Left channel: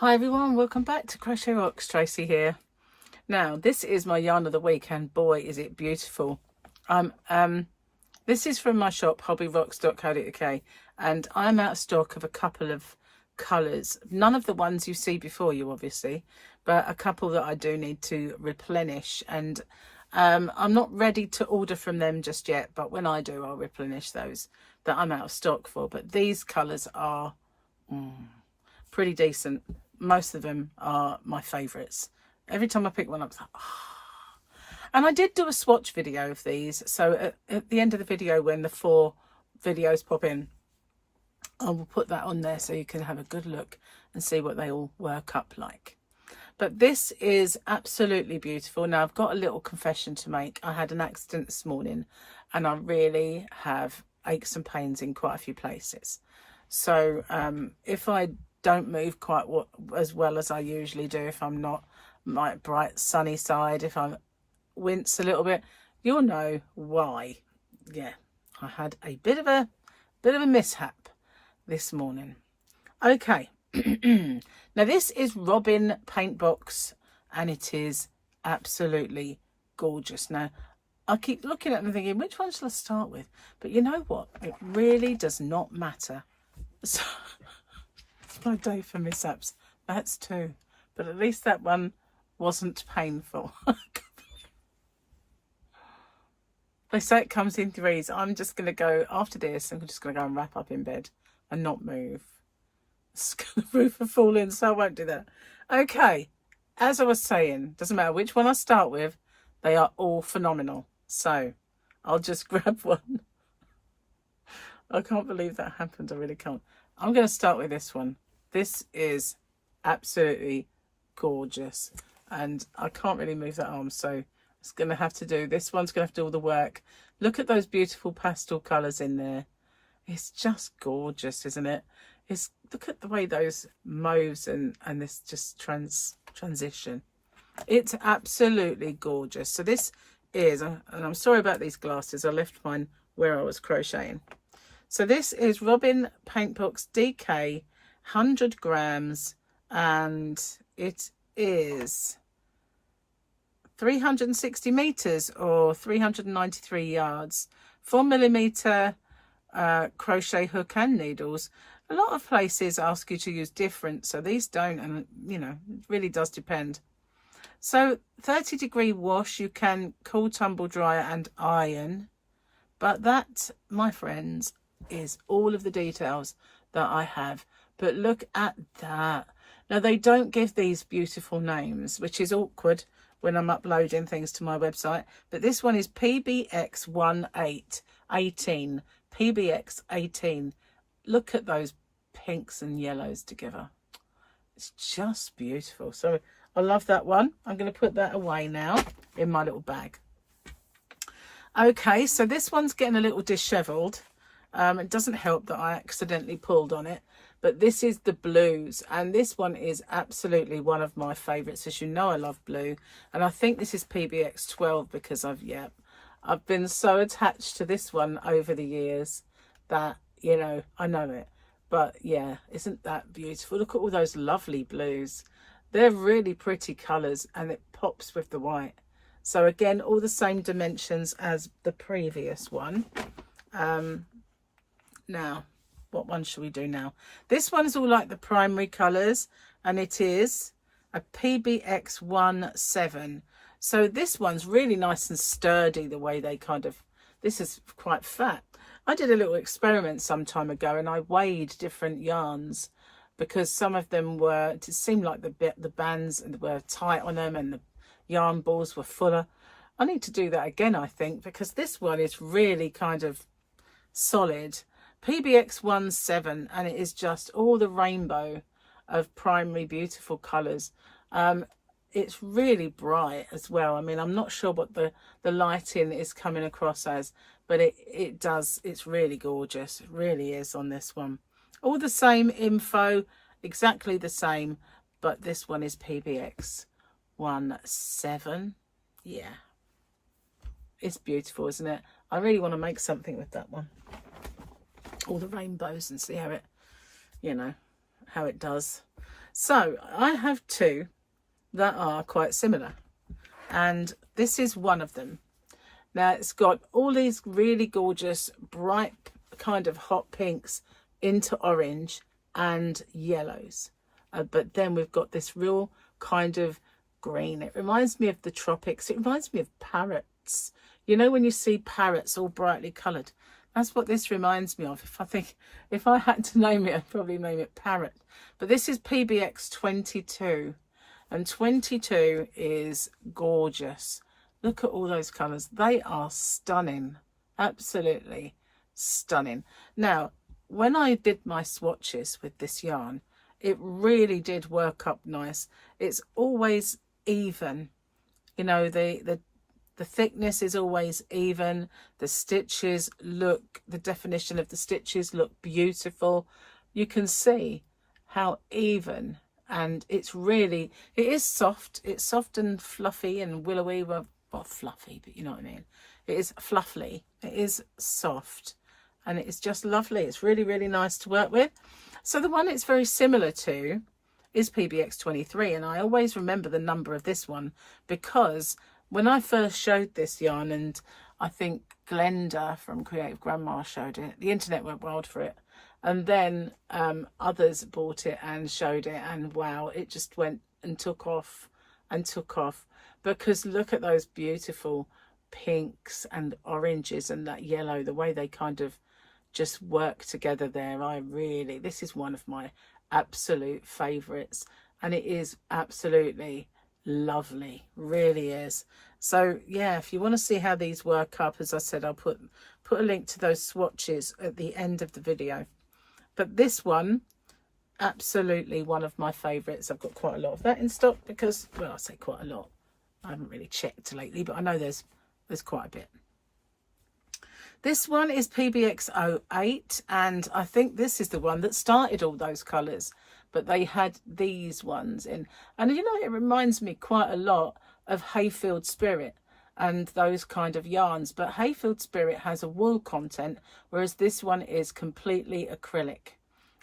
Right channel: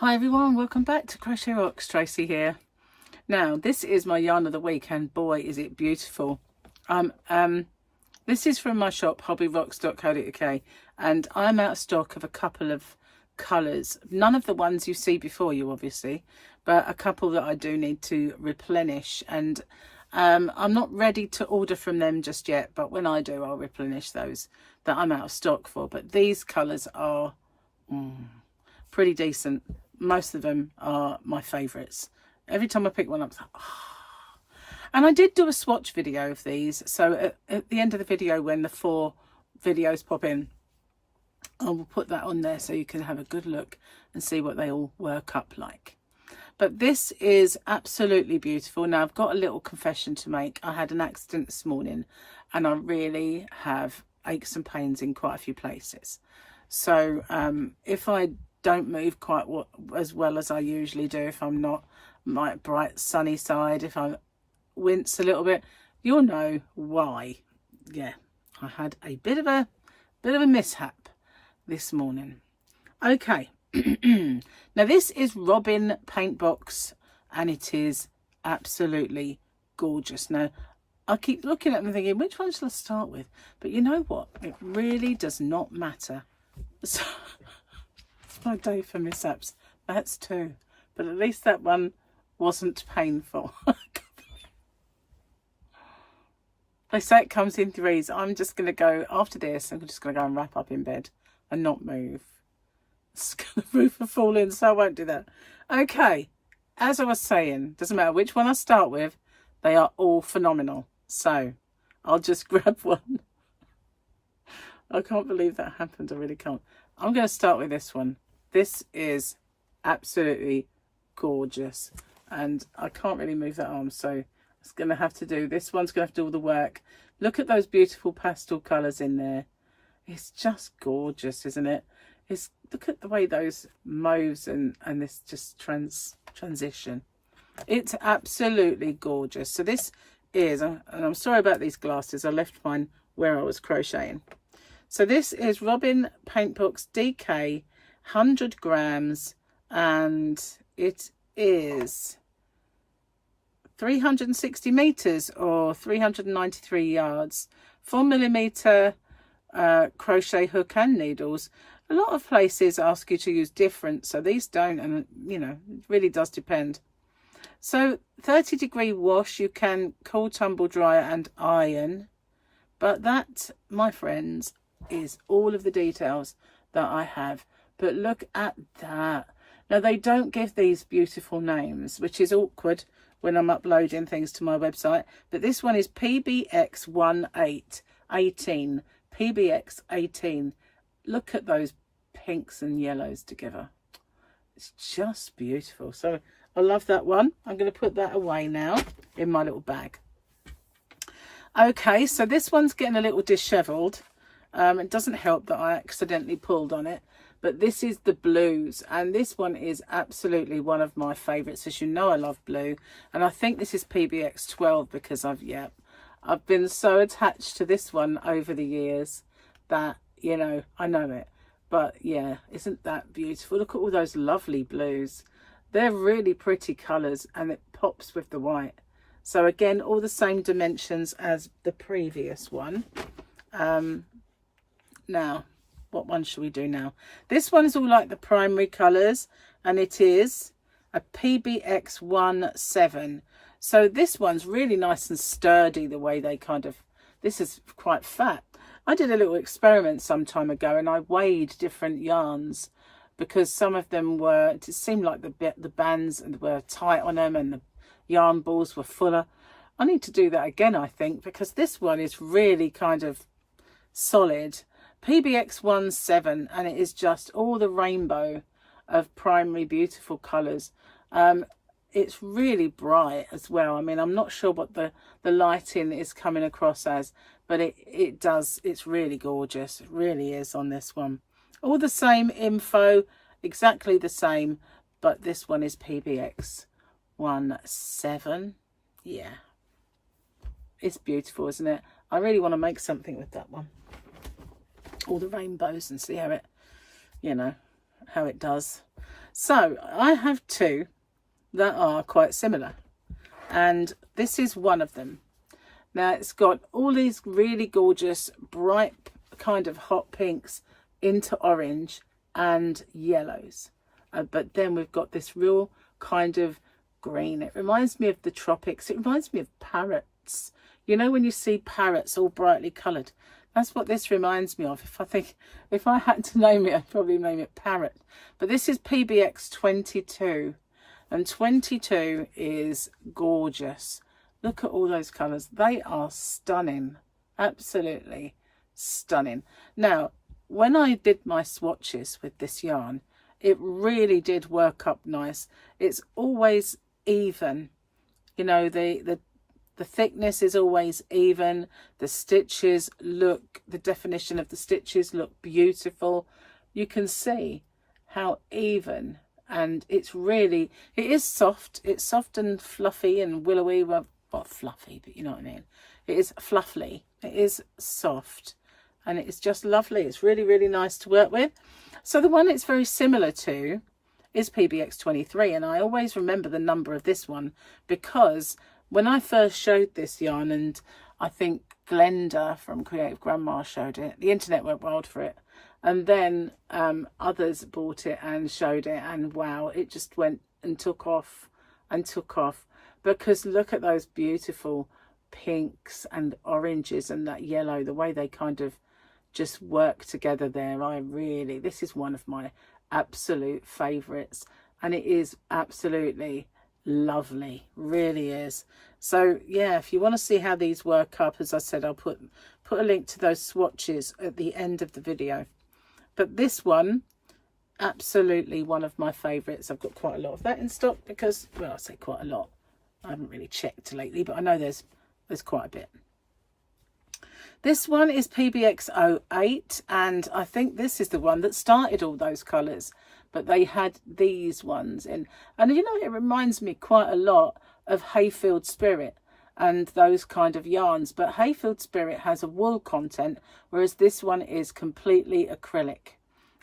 Hi everyone, welcome back to Crochet Rocks. Tracy here. Now this is my yarn of the week and boy is it beautiful. This is from my shop hobbyrocks.co.uk and I'm out of stock of a couple of colours. None of the ones you see before you obviously, but a couple that I do need to replenish, and I'm not ready to order from them just yet, but when I do I'll replenish those that I'm out of stock for. But these colours are pretty decent. Most of them are my favourites. Every time I pick one up, it's like, oh. And I did do a swatch video of these. So at the end of the video, when the 4 videos pop in, I will put that on there so you can have a good look and see what they all work up like. But this is absolutely beautiful. Now I've got a little confession to make. I had an accident this morning and I really have aches and pains in quite a few places. So if I don't move quite as well as I usually do, if I'm not my bright sunny side, if I wince a little bit, you'll know why. Yeah, I had a bit of a mishap this morning. Okay. Now this is Robin Paintbox and it is absolutely gorgeous. Now I keep looking at them thinking, which one shall I start with? But you know what, it really does not matter. So it's my day for mishaps. That's 2, but at least that one wasn't painful. They say it comes in 3s. I'm just going to go after this. I'm just going to go and wrap up in bed and not move. The roof will fall in, so I won't do that. Okay, as I was saying, doesn't matter which one I start with, they are all phenomenal. So I'll just grab one. I can't believe that happened. I really can't. I'm going to start with this one. This is absolutely gorgeous. And I can't really move that arm, so it's going to have to do, this one's going to have to do all the work. Look at those beautiful pastel colours in there. It's just gorgeous, isn't it? Look at the way those mauves and this just transition. It's absolutely gorgeous. So this is, and I'm sorry about these glasses. I left mine where I was crocheting. So this is Robin Paintbox DK, 100 grams, and it is 360 meters or 393 yards, 4mm crochet hook and needles. A lot of places ask you to use different, so these don't, and you know, it really does depend. So 30-degree wash, you can cool, tumble dryer and iron, but that, my friends, is all of the details that I have. But look at that. Now they don't give these beautiful names, which is awkward when I'm uploading things to my website, but this one is PBX18, PBX18. Look at those pinks and yellows together. It's just beautiful. So I love that one. I'm going to put that away now in my little bag. Okay, so this one's getting a little disheveled. It doesn't help that I accidentally pulled on it, but this is the blues, and this one is absolutely one of my favorites. As you know, I love blue, and I think this is PBX 12 because I've been so attached to this one over the years that, you know, I know it. But yeah, isn't that beautiful? Look at all those lovely blues. They're really pretty colours, and it pops with the white. So again, all the same dimensions as the previous one. Now, what one should we do now? This one is all like the primary colours, and it is a PBX 17. So this one's really nice and sturdy, the way they kind of, this is quite fat. I did a little experiment some time ago and I weighed different yarns because some of them were, it seemed like the bands were tight on them and the yarn balls were fuller. I need to do that again, I think, because this one is really kind of solid. PBX 17, and it is just all the rainbow of primary beautiful colours. It's really bright as well. I mean, I'm not sure what the lighting is coming across as, but it's really gorgeous. It really is on this one. All the same info, exactly the same, but this one is PBX 17. Yeah, it's beautiful, isn't it? I really want to make something with that one. All the rainbows and see how it, you know, how it does. So I have two that are quite similar, and this is one of them. Now it's got all these really gorgeous bright kind of hot pinks into orange and yellows, but then we've got this real kind of green. It reminds me of the tropics. It reminds me of parrots. You know, when you see parrots all brightly coloured, that's what this reminds me of. If I had to name it, I'd probably name it parrot. But this is PBX 22, and 22 is gorgeous. Look at all those colours. They are stunning, absolutely stunning. Now, when I did my swatches with this yarn, it really did work up nice. It's always even, you know, the thickness is always even. The stitches look, the definition of the stitches look beautiful. You can see how even, and it is soft. It's soft and fluffy and willowy. Well, not fluffy, but you know what I mean. It is fluffy. It is soft, and it is just lovely. It's really, really nice to work with. So the one it's very similar to is PBX 23, and I always remember the number of this one because when I first showed this yarn, and I think Glenda from Creative Grandma showed it, the internet went wild for it, and then others bought it and showed it, and wow, it just went and took off and took off, because look at those beautiful pinks and oranges and that yellow, the way they kind of just work together there. This is one of my absolute favorites, and it is absolutely lovely, really is. So yeah, if you want to see how these work up, as I said, I'll put a link to those swatches at the end of the video. But this one, absolutely one of my favorites. I've got quite a lot of that in stock because, well, I say quite a lot, I haven't really checked lately, but I know there's quite a bit. This one is PBX 08, and I think this is the one that started all those colours, but they had these ones in, and you know, it reminds me quite a lot of Hayfield Spirit and those kind of yarns, but Hayfield Spirit has a wool content, whereas this one is completely acrylic.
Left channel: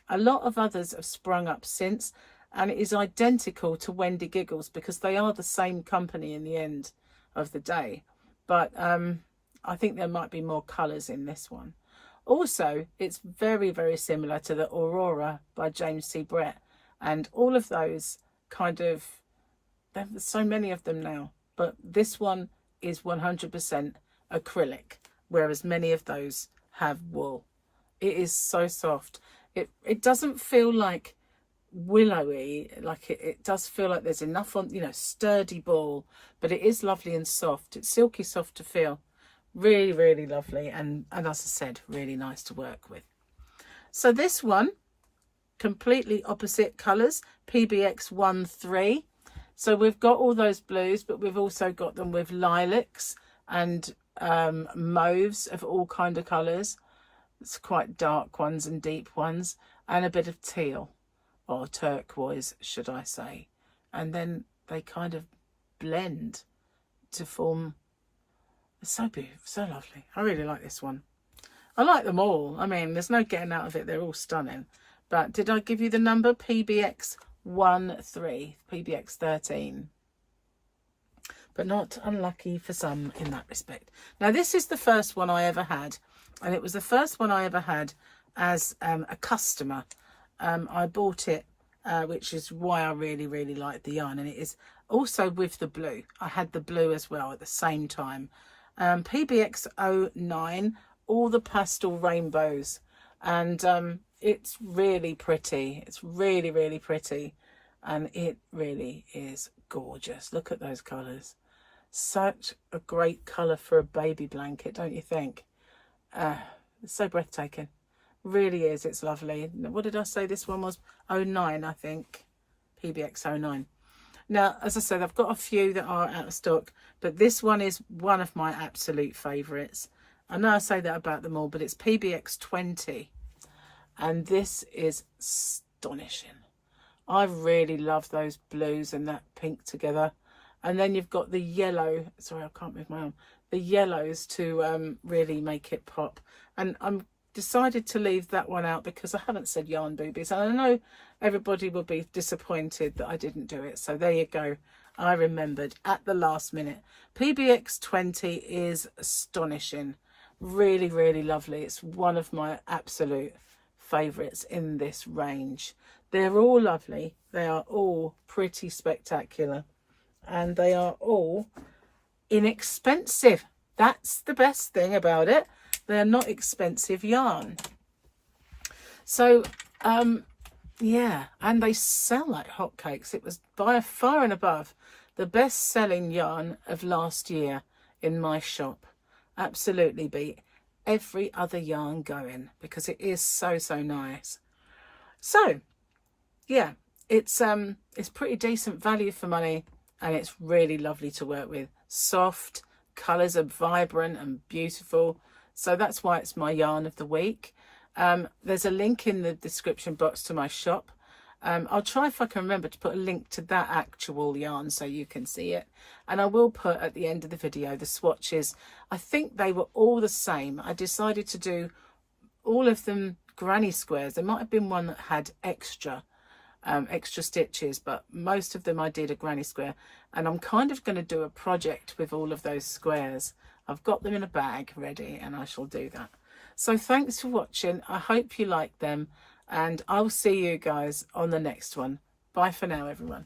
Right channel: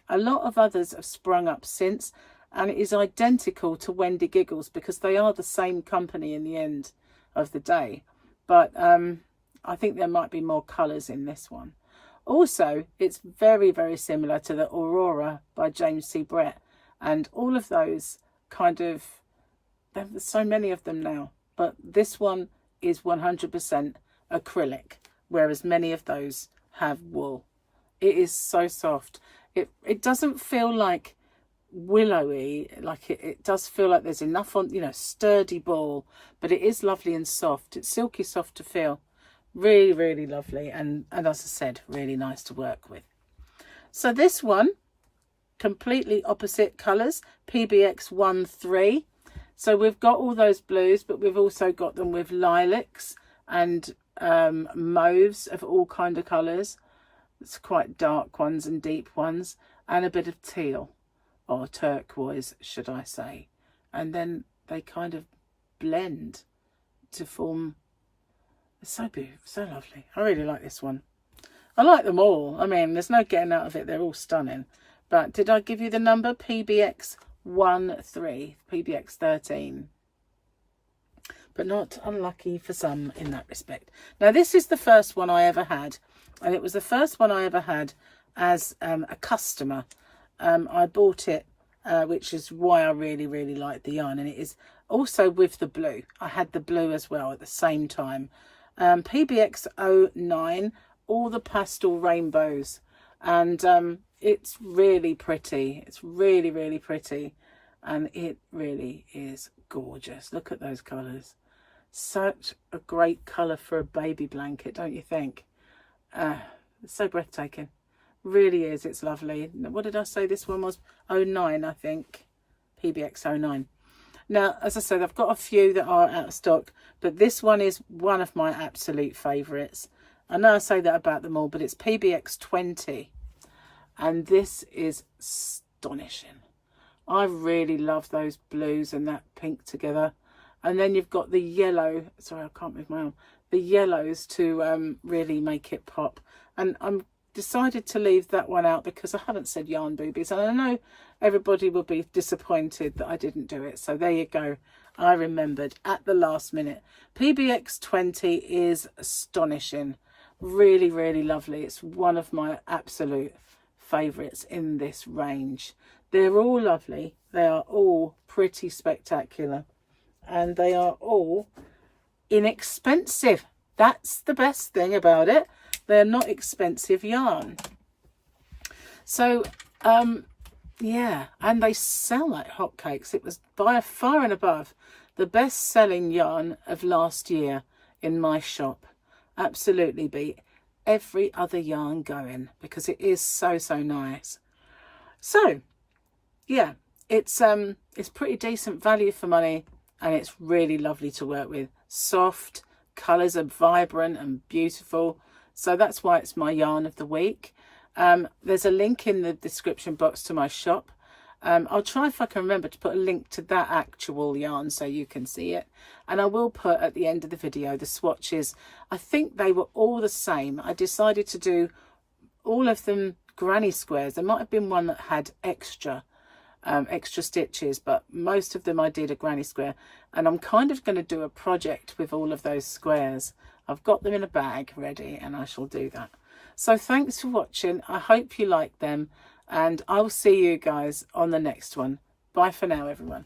A lot of others have sprung up since, and it is identical to Wendy Giggles because they are the same company in the end of the day, but I think there might be more colours in this one. Also, it's very, very similar to the Aurora by James C. Brett, and all of those kind of, there's so many of them now, but this one is 100% acrylic, whereas many of those have wool. It is so soft. It doesn't feel like willowy, like it does feel like there's enough on, you know, sturdy ball, but it is lovely and soft. It's silky soft to feel. Really, really lovely, and as I said, really nice to work with. So this one, completely opposite colours, PBX 13. So we've got all those blues, but we've also got them with lilacs and mauves of all kind of colours. It's quite dark ones and deep ones, and a bit of teal, or turquoise, should I say. And then they kind of blend to form. It's so beautiful, so lovely. I really like this one. I like them all. I mean, there's no getting out of it. They're all stunning. But did I give you the number? PBX 13, PBX 13. But not unlucky for some in that respect. Now, this is the first one I ever had. And it was the first one I ever had as a customer. I bought it, which is why I really, really like the yarn. And it is also with the blue. I had the blue as well at the same time. PBX 09, all the pastel rainbows, and it's really pretty. It's really, really pretty, and it really is gorgeous. Look at those colours. Such a great colour for a baby blanket, don't you think? It's so breathtaking. Really is. It's lovely. What did I say this one was? 09, I think. PBX 09. Now, as I said, I've got a few that are out of stock, but this one is one of my absolute favourites. I know I say that about them all, but it's PBX 20, and this is astonishing. I really love those blues and that pink together, and then you've got the yellow. Sorry, I can't move my arm. The yellows to really make it pop, and I'm decided to leave that one out because I haven't said yarn boobies, and I know everybody will be disappointed that I didn't do it. So there you go. I remembered at the last minute. PBX 20 is astonishing. Really, really lovely. It's one of my absolute favourites in this range. They're all lovely. They are all pretty spectacular. And they are all inexpensive. That's the best thing about it. They're not expensive yarn. So, yeah, and they sell like hotcakes. It was by far and above the best-selling yarn of last year in my shop. Absolutely beat every other yarn going because it is so, so nice. So, yeah, it's pretty decent value for money, and it's really lovely to work with. Soft, colours are vibrant and beautiful. So that's why it's my yarn of the week. There's a link in the description box to my shop. I'll try if I can remember to put a link to that actual yarn so you can see it. And I will put at the end of the video the swatches. I think they were all the same. I decided to do all of them granny squares. There might have been one that had extra stitches, but most of them I did a granny square. And I'm kind of going to do a project with all of those squares. I've got them in a bag ready, and I shall do that. So thanks for watching. I hope you like them, and I'll see you guys on the next one. Bye for now, everyone.